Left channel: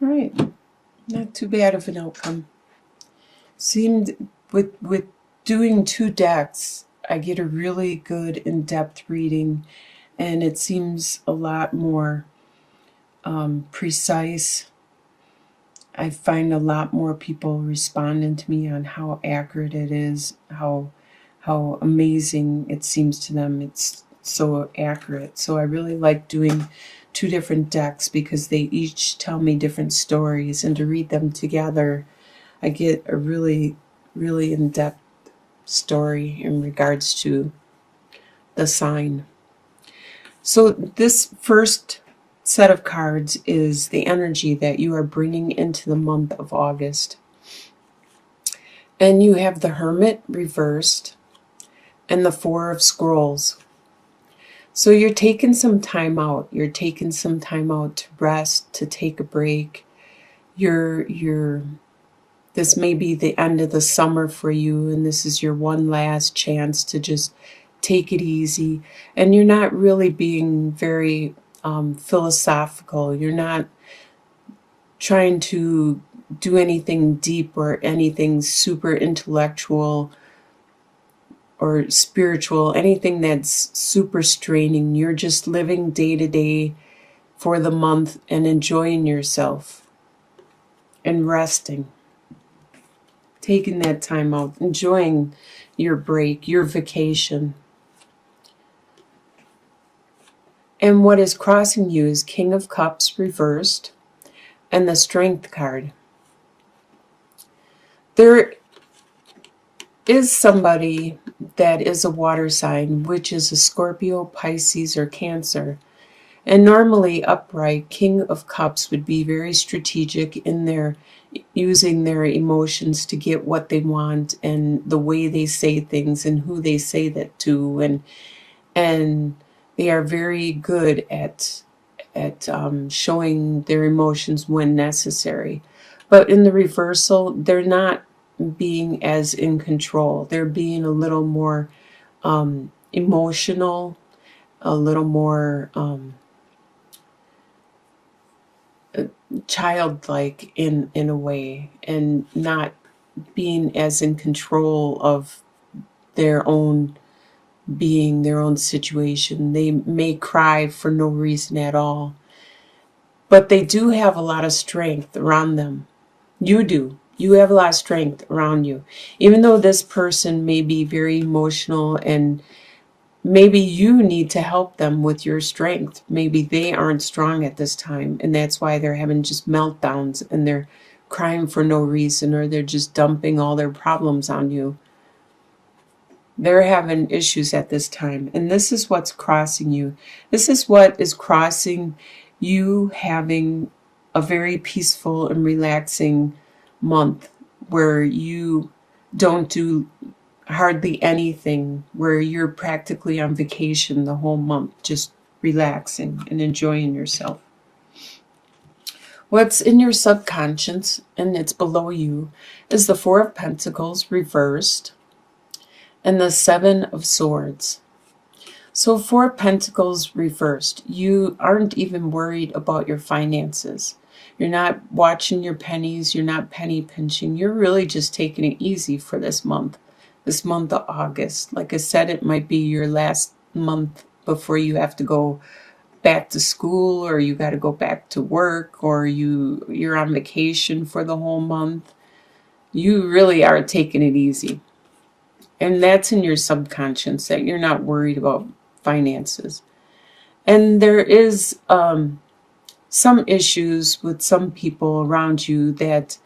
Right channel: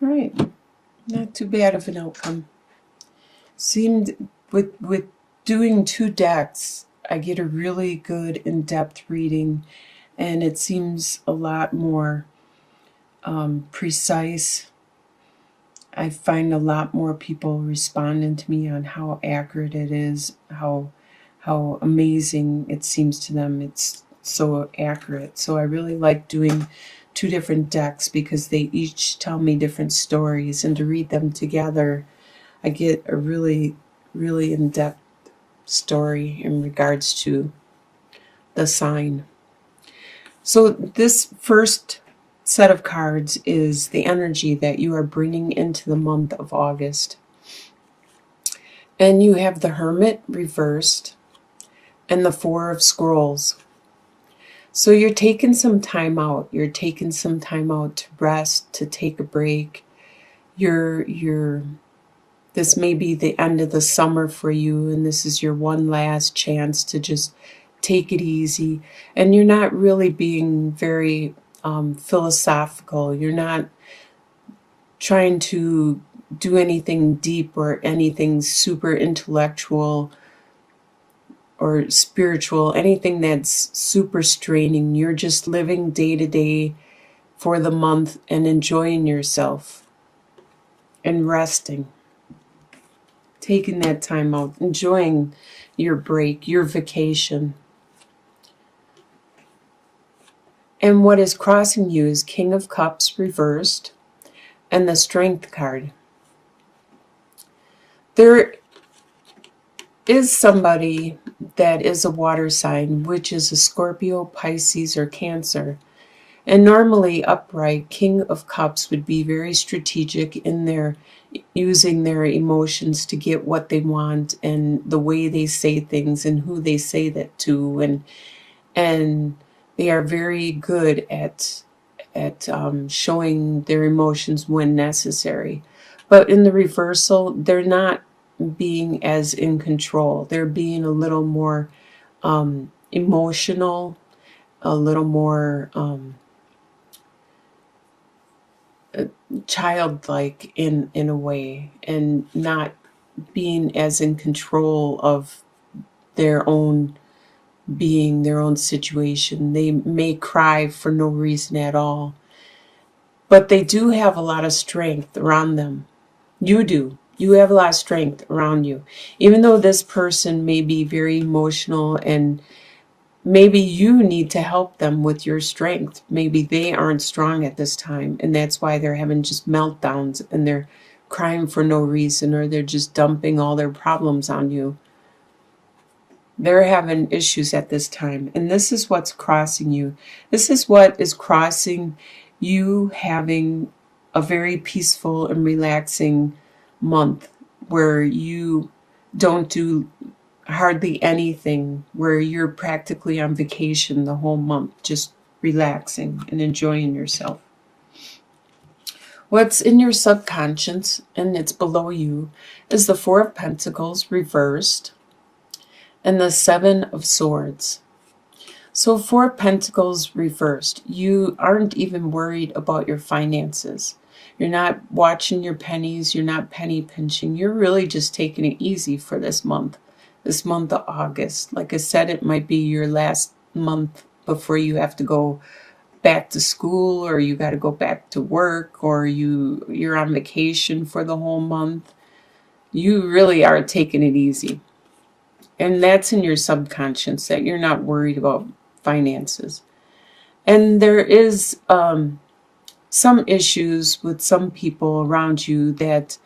Right. Not too bad of an outcome. Seemed with doing two decks, I get a really good in-depth reading, and it seems a lot more precise. I find a lot more people responding to me on how accurate it is, how amazing it seems to them. It's so accurate. So I really like doing two different decks because they each tell me different stories, and to read them together, I get a really, really in-depth story in regards to the sign. So this first set of cards is the energy that you are bringing into the month of August. And you have the Hermit reversed and the Four of Scrolls. So you're taking some time out. You're taking some time out to rest, to take a break. You're this may be the end of the summer for you, and this is your one last chance to just take it easy. And you're not really being very philosophical. You're not trying to do anything deep or anything super intellectual or spiritual, anything that's super straining. You're just living day to day for the month and enjoying yourself and resting, taking that time out, enjoying your break, your vacation. And what is crossing you is King of Cups reversed and the Strength card. There is somebody that is a water sign, which is a Scorpio, Pisces, or Cancer. And normally upright, King of Cups would be very strategic in their using their emotions to get what they want, and the way they say things and who they say that to, and they are very good at showing their emotions when necessary. But in the reversal, they're not being as in control. They're being a little more emotional, a little more childlike in a way, and not being as in control of their own being, their own situation. They may cry for no reason at all, but they do have a lot of strength around them. You do. You have a lot of strength around you. Even though this person may be very emotional, and maybe you need to help them with your strength. Maybe they aren't strong at this time, and that's why they're having just meltdowns and they're crying for no reason, or they're just dumping all their problems on you. They're having issues at this time, and this is what's crossing you. This is what is crossing you, having a very peaceful and relaxing month where you don't do hardly anything, where you're practically on vacation the whole month, just relaxing and enjoying yourself. What's in your subconscious, and it's below you, is the Four of Pentacles reversed and the Seven of Swords. So Four of Pentacles reversed. You aren't even worried about your finances. You're not watching your pennies. You're not penny pinching. You're really just taking it easy for this month of August. Like I said, it might be your last month before you have to go back to school, or you got to go back to work, or you're on vacation for the whole month. You really are taking it easy. And that's in your subconscious, that you're not worried about finances. And there is some issues with some people around you that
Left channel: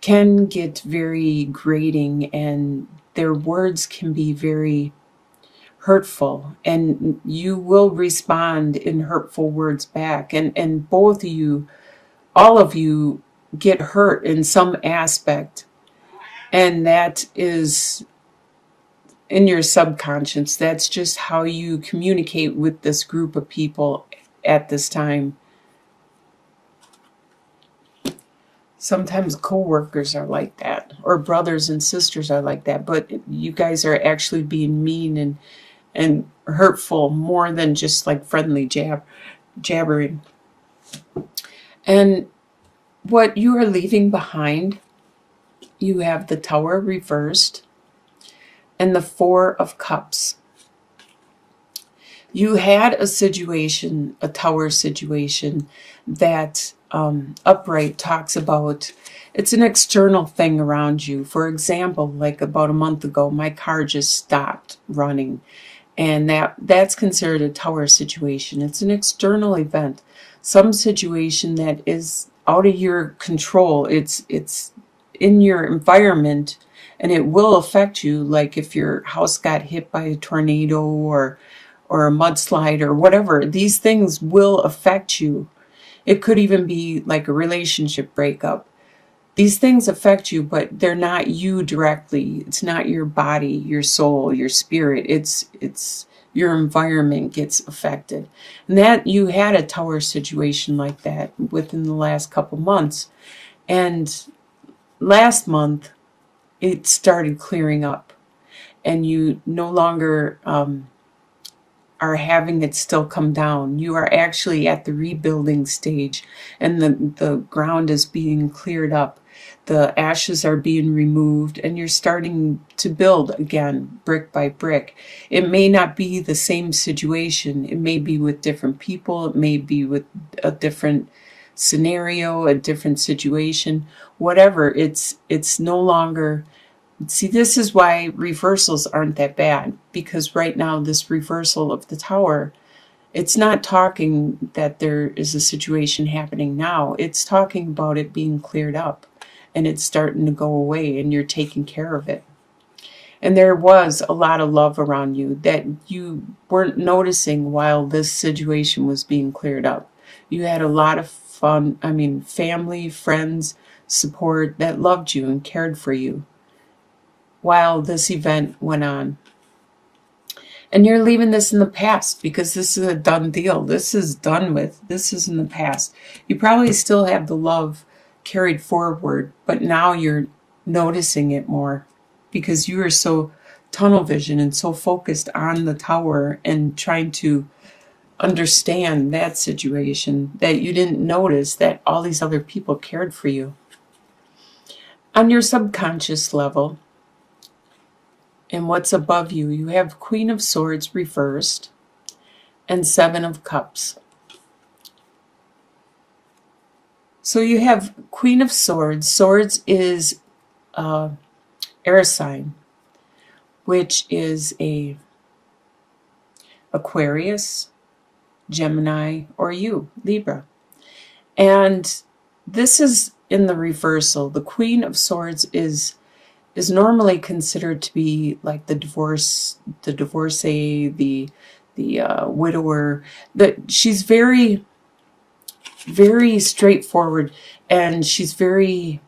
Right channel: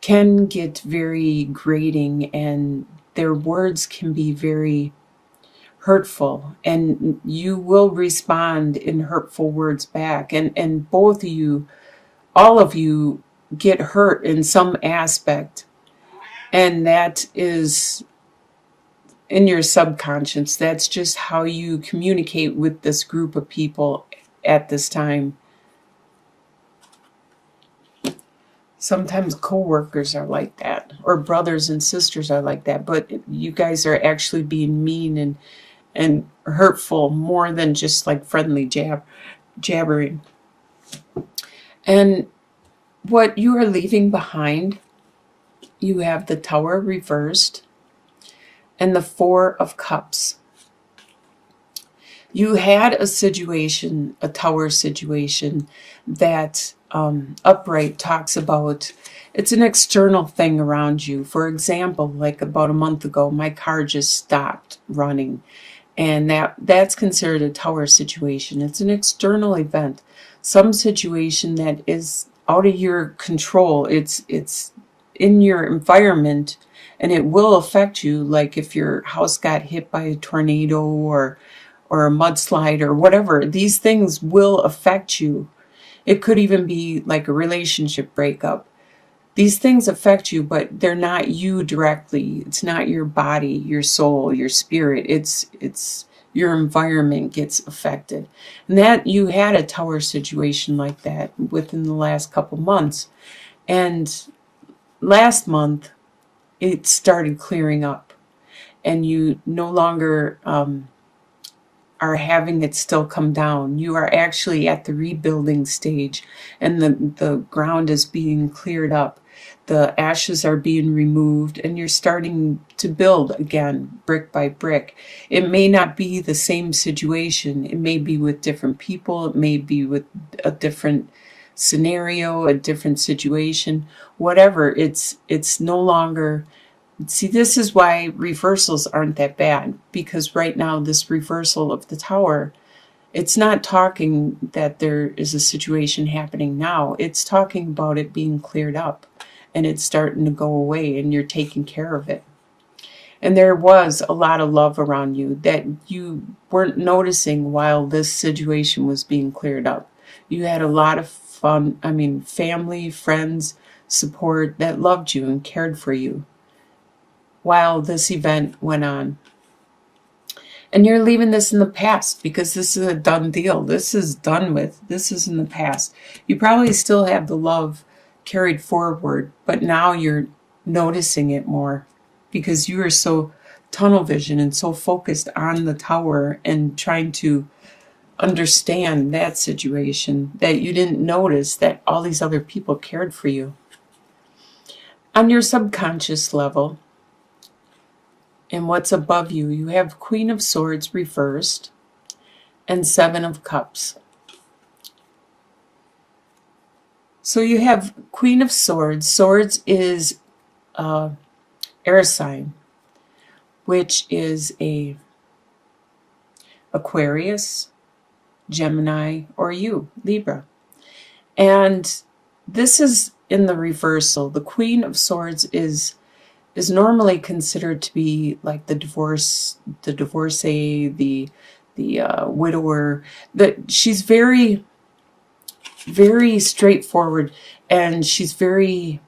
can get very grating, and their words can be very hurtful, and you will respond in hurtful words back, and both of you, all of you, get hurt in some aspect, and that is in your subconscious. That's just how you communicate with this group of people at this time. Sometimes co-workers are like that, or brothers and sisters are like that, but you guys are actually being mean and hurtful more than just like friendly jabbering. And what you are leaving behind, you have the Tower reversed and the Four of Cups. You had a situation, a Tower situation, that Upright talks about. It's an external thing around you. For example, like about a month ago, my car just stopped running. And that's considered a Tower situation. It's an external event, some situation that is out of your control. It's in your environment, and it will affect you. Like if your house got hit by a tornado or a mudslide or whatever, these things will affect you. It could even be like a relationship breakup. These things affect you, but they're not you directly. It's not your body, your soul, your spirit. It's your environment gets affected. And that you had a Tower situation like that within the last couple months. And last month, it started clearing up. And you no longer are having it still come down. You are actually at the rebuilding stage, and the ground is being cleared up. The ashes are being removed, and you're starting to build again, brick by brick. It may not be the same situation. It may be with different people. It may be with a different scenario, a different situation. Whatever, it's no longer. See, this is why reversals aren't that bad, because right now this reversal of the Tower, it's not talking that there is a situation happening now. It's talking about it being cleared up and it's starting to go away and you're taking care of it. And there was a lot of love around you that you weren't noticing while this situation was being cleared up. You had a lot of fun, family, friends, support that loved you and cared for you while this event went on. And you're leaving this in the past because this is a done deal. This is done with. This is in the past. You probably still have the love carried forward, but now you're noticing it more because you are so tunnel vision and so focused on the Tower and trying to understand that situation that you didn't notice that all these other people cared for you. On your subconscious level, and what's above you, you have Queen of Swords reversed and Seven of Cups. So you have Queen of Swords. Swords is air sign, which is a Aquarius, Gemini, or you, Libra. And this is in the reversal. The Queen of Swords is normally considered to be like the divorcee, the widower. That she's very, very straightforward, and she's very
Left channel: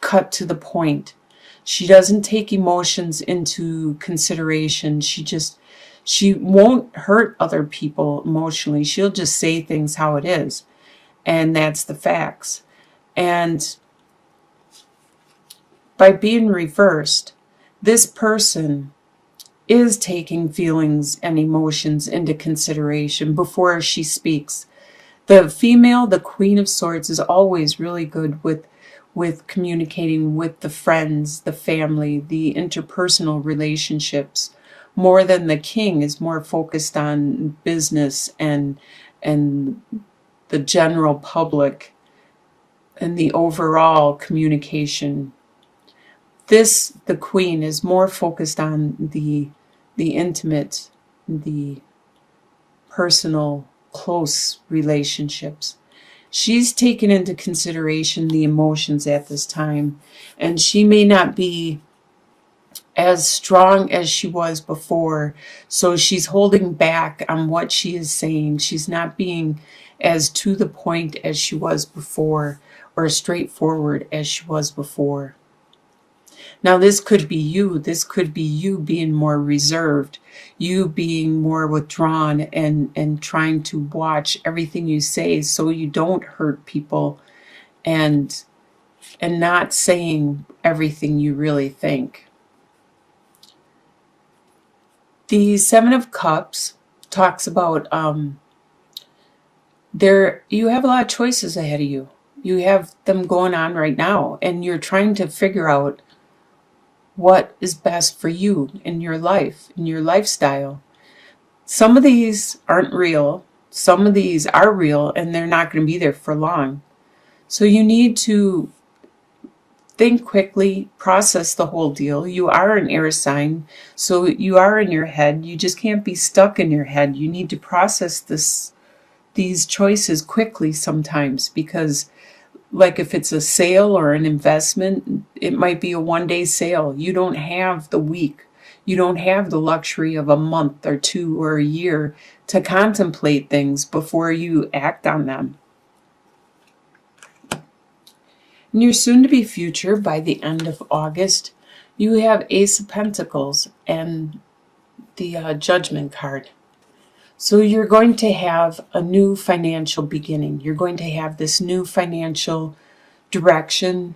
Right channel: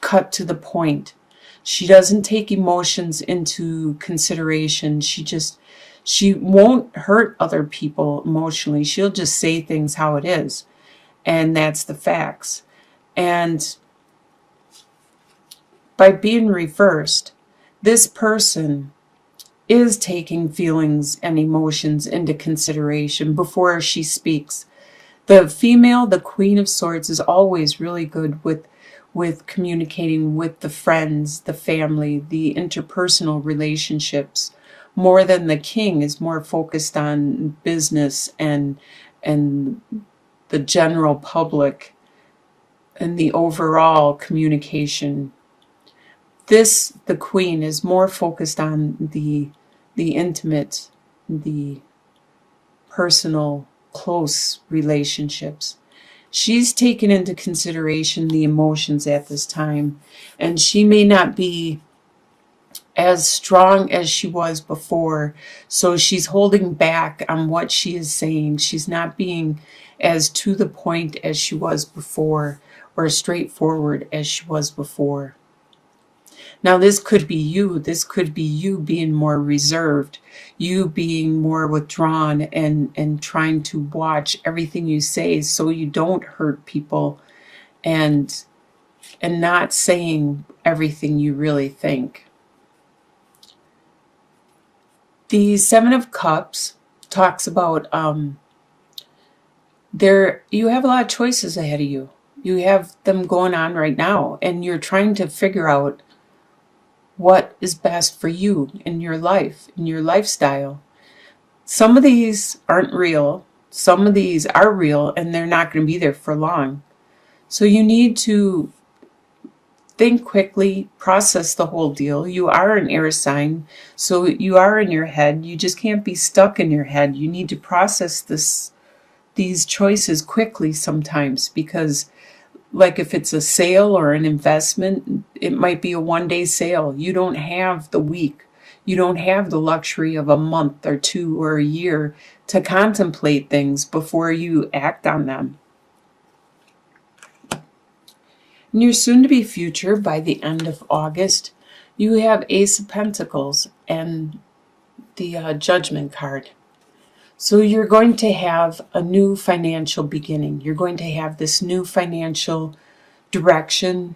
cut to the point. She doesn't take emotions into consideration. She won't hurt other people emotionally. She'll just say things how it is, and that's the facts. And by being reversed, this person is taking feelings and emotions into consideration before she speaks. The female, the Queen of Swords, is always really good with communicating with the friends, the family, the interpersonal relationships. More than the King is more focused on business and the general public and the overall communication. The Queen is more focused on the intimate, the personal, close relationships. She's taken into consideration the emotions at this time, and she may not be as strong as she was before, so she's holding back on what she is saying. She's not being as to the point as she was before, or straightforward as she was before. Now, this could be you. This could be you being more reserved, you being more withdrawn and trying to watch everything you say so you don't hurt people and not saying everything you really think. The Seven of Cups talks about you have a lot of choices ahead of you. You have them going on right now, and you're trying to figure out what is best for you in your life, in your lifestyle. Some of these aren't real. Some of these are real, and they're not going to be there for long. So you need to think quickly, process the whole deal. You are an air sign, so you are in your head. You just can't be stuck in your head. You need to process these choices quickly sometimes, because like if it's a sale or an investment, it might be a 1 day sale. You don't have the week. You don't have the luxury of a month or two or a year to contemplate things before you act on them. In your soon-to-be future, by the end of August, you have Ace of Pentacles and the Judgment card. So you're going to have a new financial beginning. You're going to have this new financial direction,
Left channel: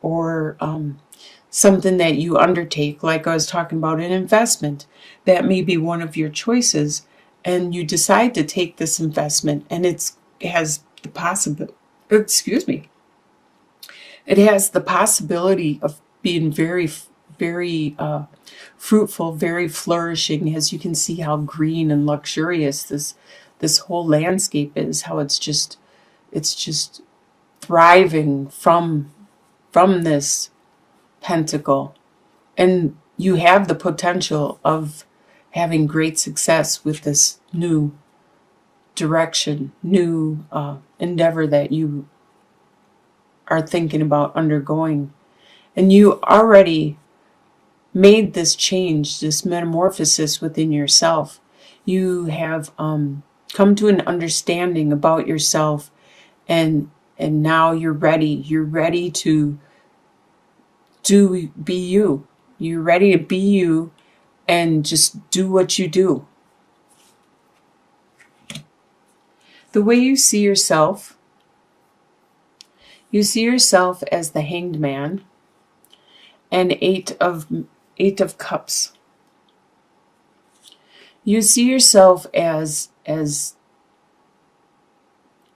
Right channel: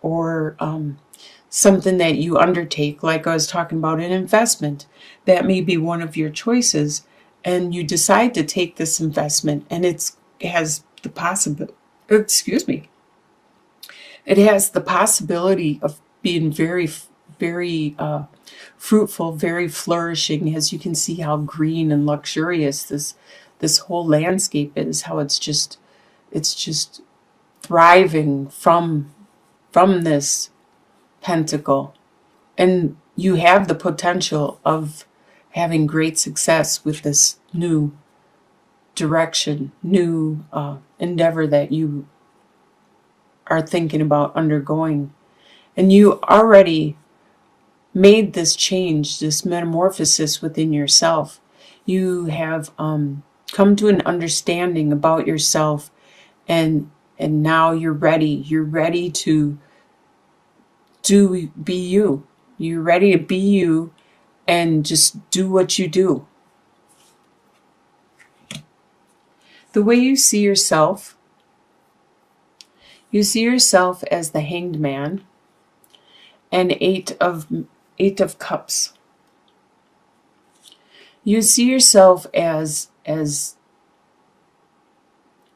or something that you undertake, like I was talking about an investment. That may be one of your choices, and you decide to take this investment, and it has the possibility, it has the possibility of being very, very fruitful, very flourishing, as you can see how green and luxurious this whole landscape is, how it's just thriving from this pentacle. And you have the potential of having great success with this new direction, new endeavor that you are thinking about undergoing. And you already made this change, this metamorphosis within yourself. You have come to an understanding about yourself, and now you're ready. You're ready to be you. You're ready to be you and just do what you do. The way you see yourself as the Hanged Man and Eight of Cups. You see yourself as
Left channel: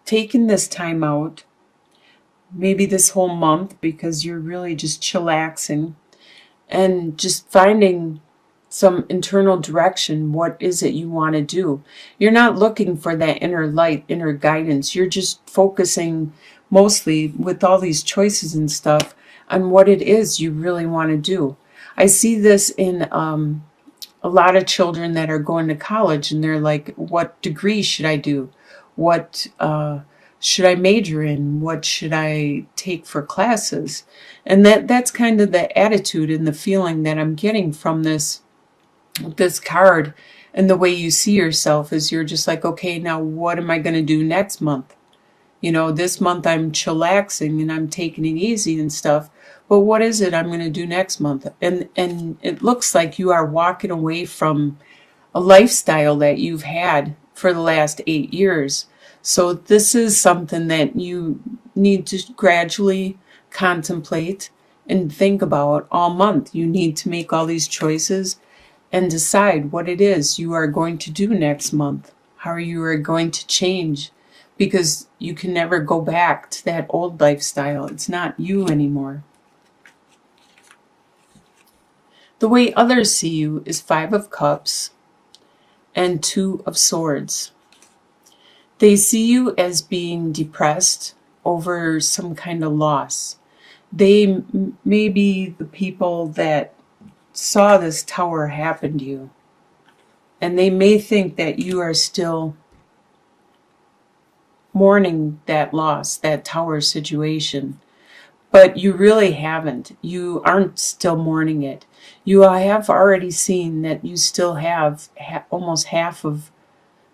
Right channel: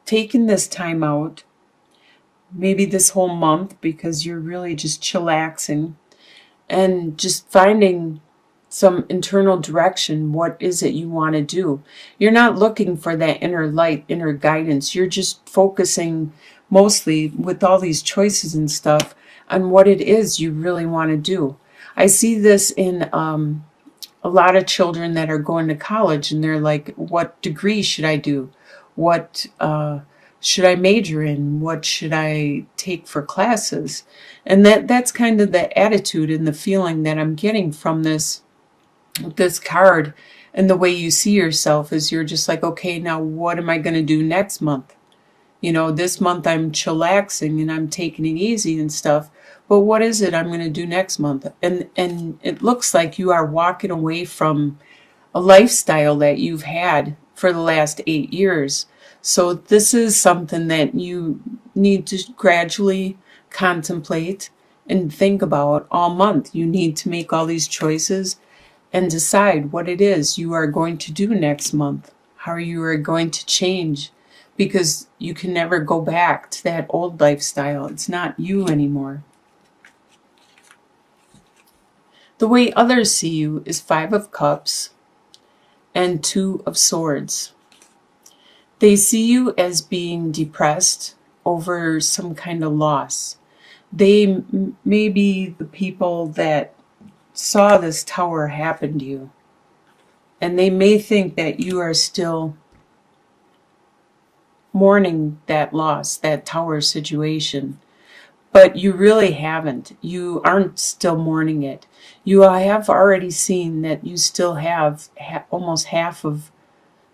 taking this time out, maybe this whole month, because you're really just chillaxing and just finding some internal direction. What is it you want to do? You're not looking for that inner light, inner guidance. You're just focusing mostly, with all these choices and stuff, on what it is you really want to do. I see this in a lot of children that are going to college, and they're like, what degree should I do? What should I major in? What should I take for classes? And that's kind of the attitude and the feeling that I'm getting from this card. And the way you see yourself is, you're just like, okay, now what am I going to do next month? This month I'm chillaxing and I'm taking it easy and stuff. But what is it I'm going to do next month? And it looks like you are walking away from a lifestyle that you've had for the last 8 years. So this is something that you need to gradually contemplate and think about all month. You need to make all these choices and decide what it is you are going to do next month, how you are going to change, because you can never go back to that old lifestyle. It's not you anymore. The way others see you is 5 of Cups and 2 of Swords. They see you as being depressed over some kind of loss. They may be the people that saw this tower happen to you, and they may think that you are still mourning that loss, that tower situation. But you really haven't. You aren't still mourning it. You have already seen that you still have almost half of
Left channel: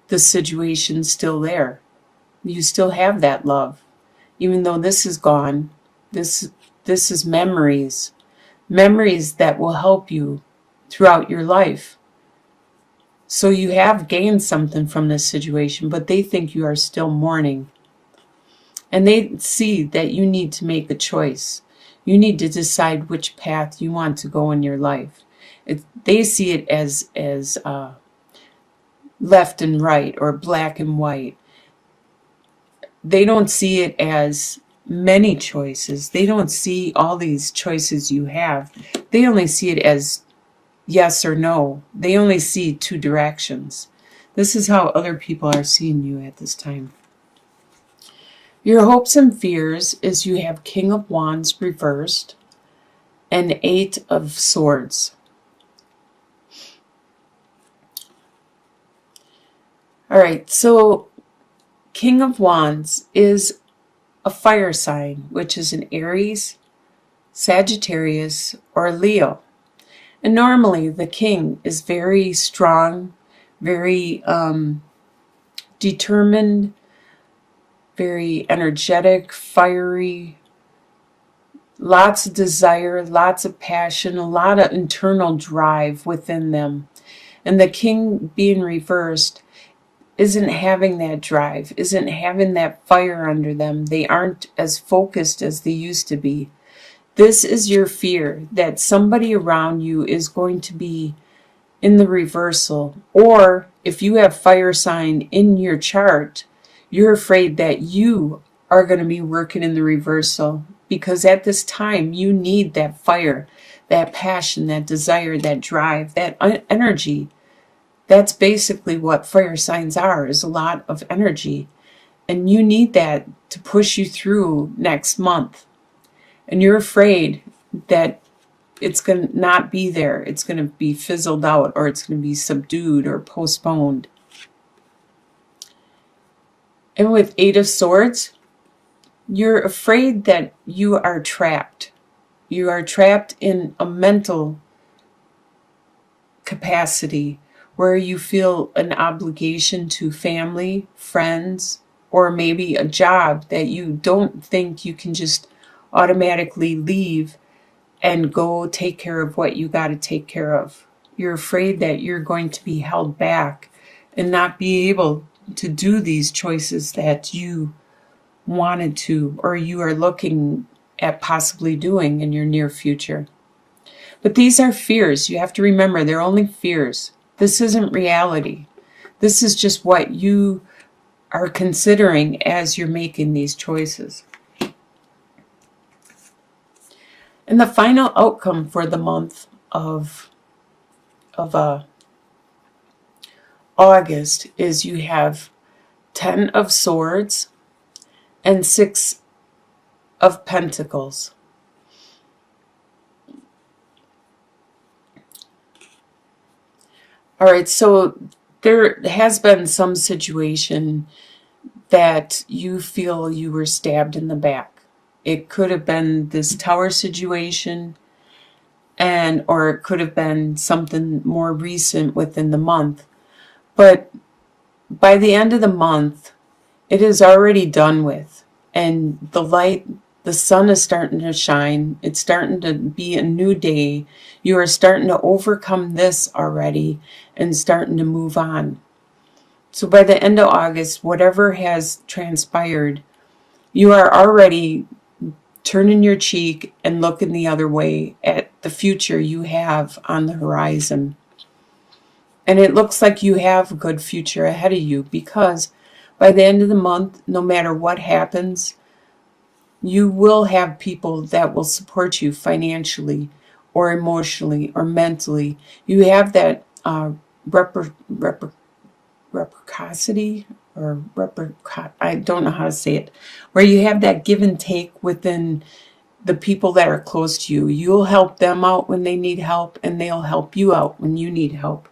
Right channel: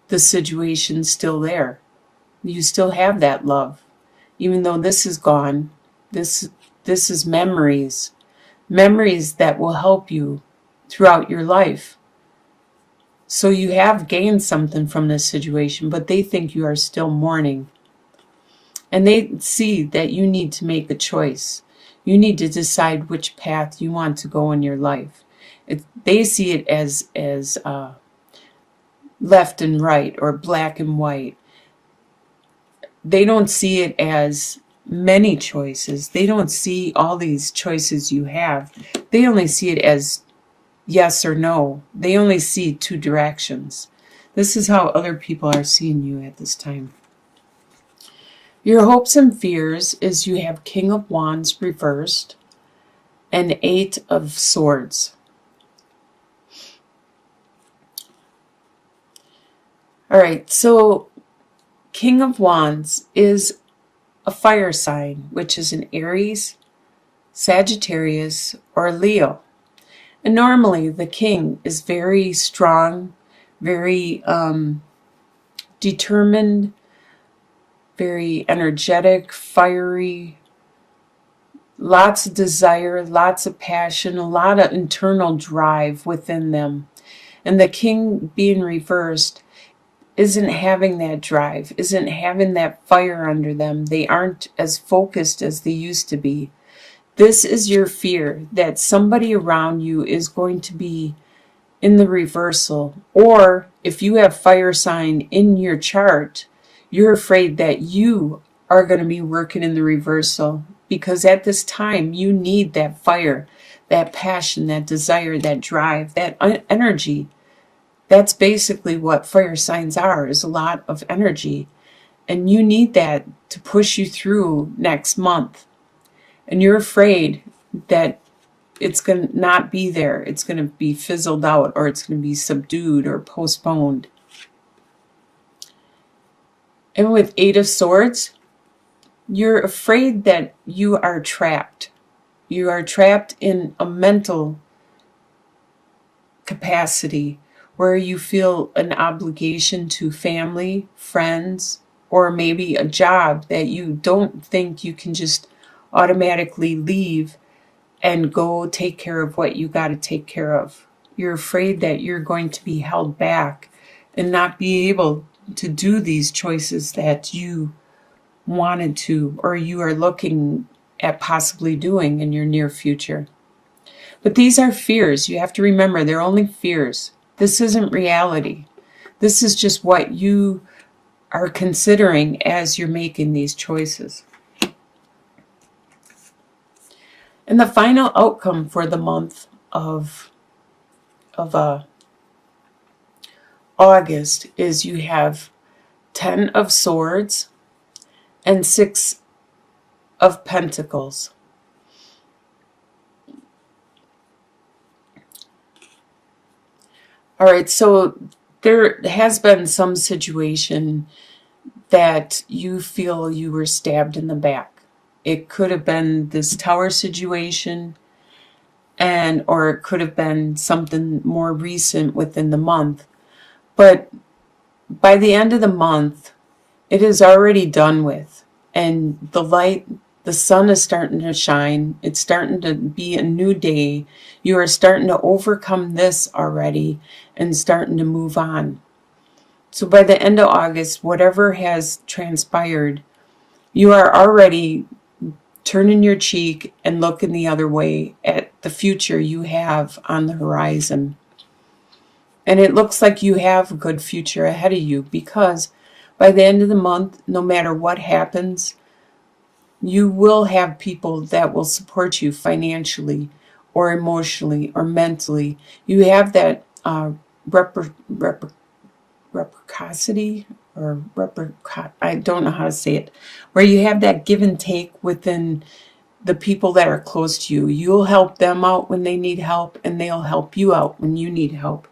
the situation still there. You still have that love. Even though this is gone, this is memories that will help you throughout your life. So you have gained something from this situation, but they think you are still mourning. And they see that you need to make a choice. You need to decide which path you want to go in your life. They see it as left and right, or black and white. They don't see it as many choices. They don't see all these choices you have. They only see it as yes or no. They only see two directions. This is how other people are seeing you at this time. Your hopes and fears is you have King of Wands reversed and Eight of Swords. All right, so King of Wands is a fire sign, which is an Aries, Sagittarius, or Leo. And normally the king is very strong, very determined, very energetic, fiery, lots of desire, lots of passion, a lot of internal drive within them. And the king being reversed isn't having that drive, isn't having that fire under them. They aren't as focused as they used to be. This is your fear that somebody around you is going to be in the reversal. Or if you have fire sign in your chart, you're afraid that you are going to be working in the reversal, because at this time you need that fire, that passion, that desire, that drive, that energy. That's basically what fire signs are, is a lot of energy. And you need that to push you through next month. And you're afraid that it's going to not be there. It's going to be fizzled out, or it's going to be subdued or postponed. And with Eight of Swords, you're afraid that you are trapped. You are trapped in a mental capacity where you feel an obligation to family, friends, or maybe a job that you don't think you can just automatically leave and go take care of what you got to take care of. You're afraid that you're going to be held back and not be able to do these choices that you wanted to, or you are looking at possibly doing in your near future. But these are fears. You have to remember, they're only fears. This isn't reality. This is just what you are considering as you're making these choices. And the final outcome for the month of August is you have 10 of Swords and 6 of Pentacles. All right, so there has been some situation that you feel you were stabbed in the back. It could have been this tower situation, or it could have been something more recent within the month. But by the end of the month, it is already done with. And the light, the sun is starting to shine. It's starting to be a new day. You are starting to overcome this already and starting to move on. So by the end of August, whatever has transpired, you are already turning your cheek and looking the other way at the future you have on the horizon. And it looks like you have a good future ahead of you, because by the end of the month, no matter what happens, you will have people that will support you financially or emotionally or mentally. You have that reciprocity, I don't know how to say it, where you have that give and take within the people that are close to you. You'll help them out when they need help, and they'll help you out when you need help.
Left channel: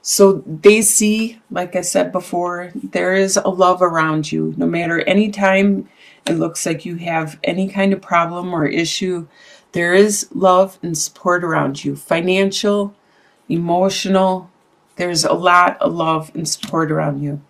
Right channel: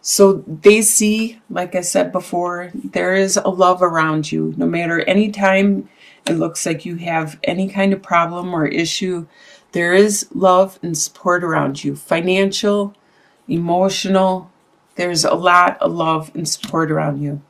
So they see, like I said before, there is a love around you. No matter any time it looks like you have any kind of problem or issue, there is love and support around you. Financial, emotional, there's a lot of love and support around you.